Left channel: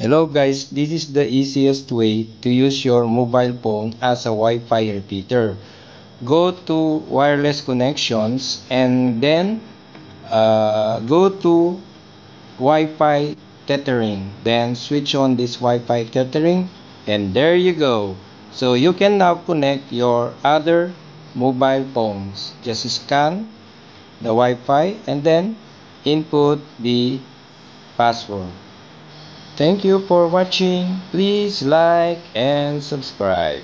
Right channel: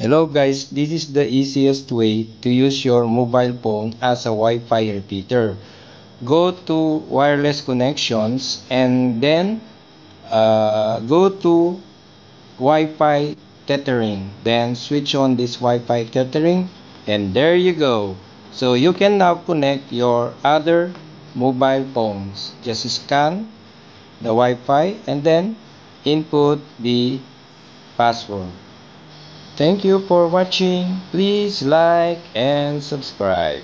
Hello guys, this is the easiest way to use your mobile phone as a Wi-Fi repeater. Go to wireless connections and then go to Wi-Fi tethering. Then switch on this Wi-Fi tethering and there you go. So you can now connect your other mobile phones. Just scan the Wi-Fi and then input the password. Thank you for watching. Please like and subscribe.